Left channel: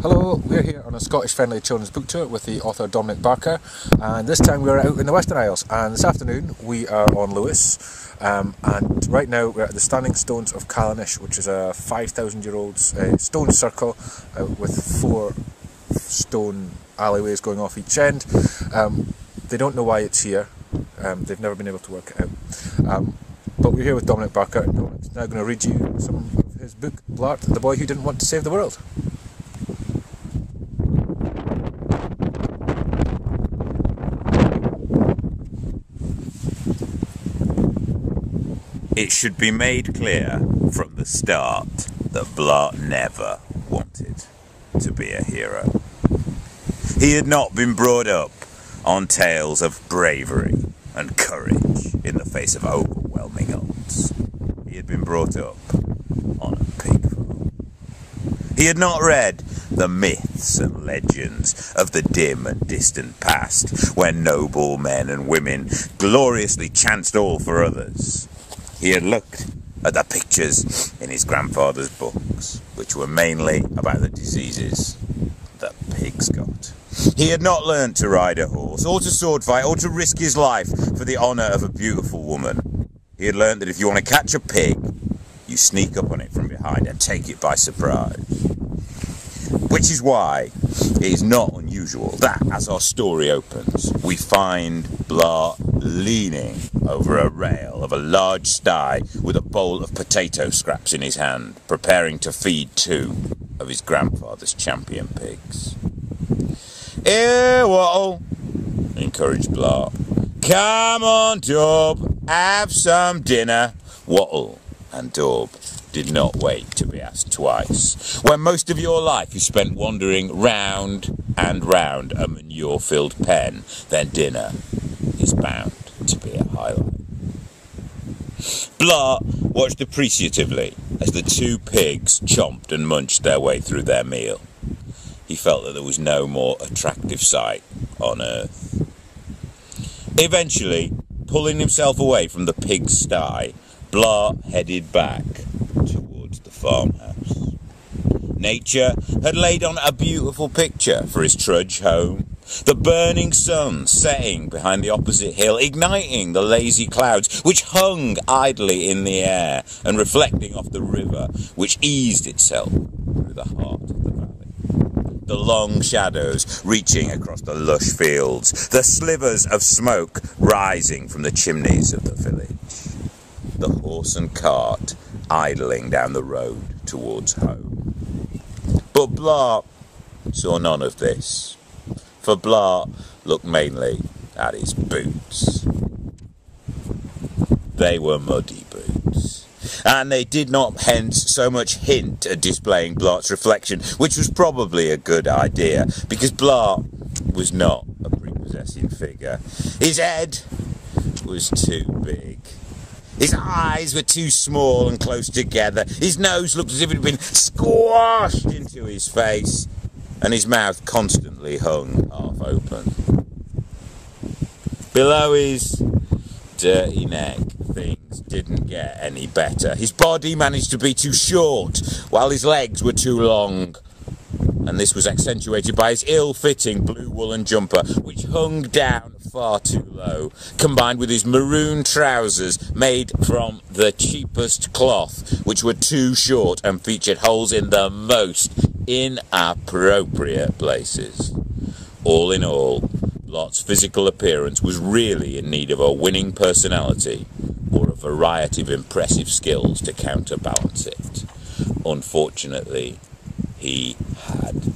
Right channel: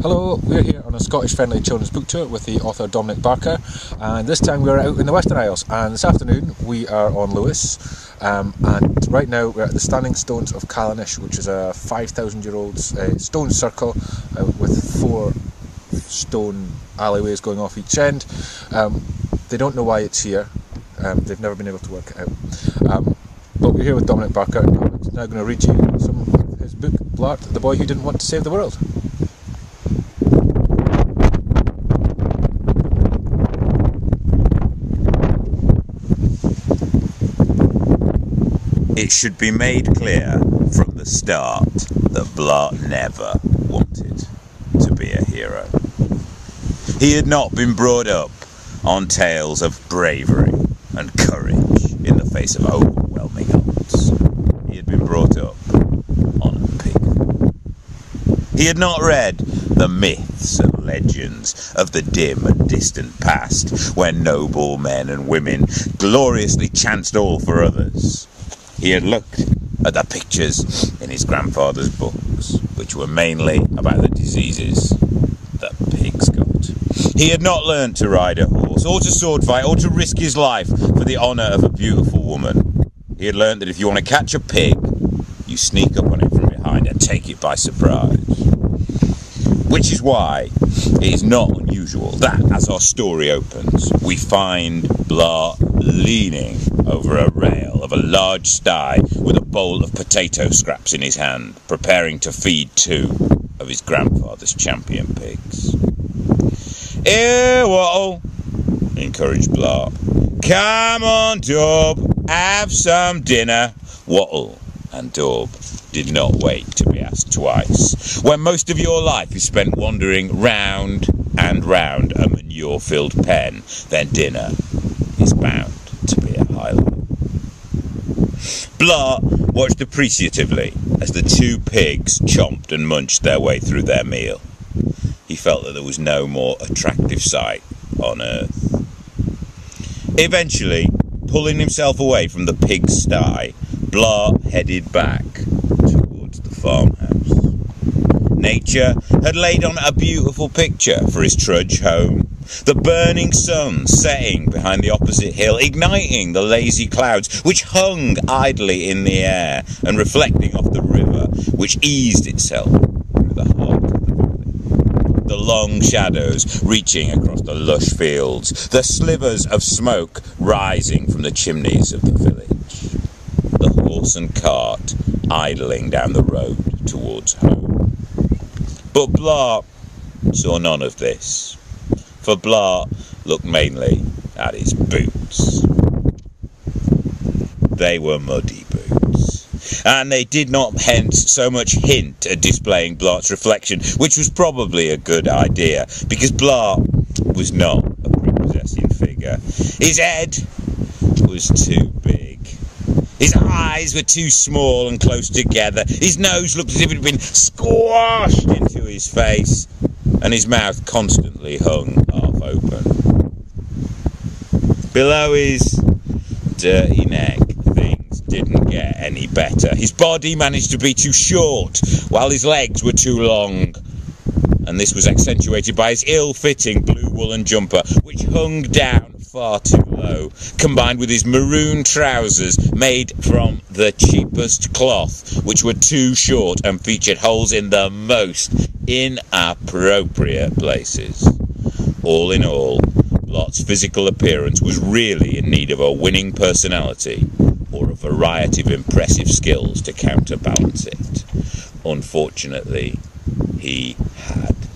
Hello, we're here on a Scottish friendly children's book tour with the author Dominic Barker, and this time we're out in the Western Isles, and this afternoon we are on Lewis, and right now we're at the Standing Stones of Callanish, which is a 5,000-year-old stone circle with 4 stone alleyways going off each end. They don't know why it's here, they've never been able to work it out, but we're here with Dominic Barker, and Dominic's now going to read you some of his book, Blart, the Boy Who Didn't Want to Save the World. It should be made clear from the start that Blart never wanted to be a hero. He had not been brought up on tales of bravery and courage in the face of overwhelming odds. He had been brought up on a pig farm. He had not read the myths and legends of the dim and distant past, when noble men and women gloriously chanced all for others. He had looked at the pictures in his grandfather's books, which were mainly about the diseases that pigs got. He had not learnt to ride a horse, or to sword fight, or to risk his life for the honour of a beautiful woman. He had learnt that if you want to catch a pig, you sneak up on it from behind and take it by surprise. Which is why it is not unusual that, as our story opens, we find Blart leaning over a rail of a large sty with a bowl of potato scraps in his hand, preparing to feed 2 of his grandfather's champion pigs. "Here, Wattle," encouraged Blart. "Come on, Daub, have some dinner." Wattle and Daub did not wait to be asked twice. When most of your life is spent wandering round and round a manure-filled pen, then dinner is bound to be a highlight. Blart watched appreciatively as the 2 pigs chomped and munched their way through their meal. He felt that there was no more attractive sight on earth. Eventually, pulling himself away from the pig sty, Blart headed back towards the farmhouse. Nature had laid on a beautiful picture for his trudge home. The burning sun setting behind the opposite hill, igniting the lazy clouds which hung idly in the air and reflecting off the river which eased itself through the heart of the valley. The long shadows reaching across the lush fields, the slivers of smoke rising from the chimneys of the village. The horse and cart idling down the road towards home. But Blart saw none of this, for Blart looked mainly at his boots. They were muddy boots, and they did not hence so much hint at displaying Blart's reflection, which was probably a good idea, because Blart was not a prepossessing figure. His head was too big. His eyes were too small and close together. His nose looked as if it had been squashed into his face, and his mouth constantly hung half open. Below his dirty neck, things didn't get any better. His body managed to be too short, while his legs were too long. And this was accentuated by his ill-fitting blue woolen jumper, which hung down far too low, combined with his maroon trousers made from the cheapest cloth, which were too short and featured holes in the most inappropriate places. All in all, Blart's physical appearance was really in need of a winning personality or a variety of impressive skills to counterbalance it. Unfortunately, he had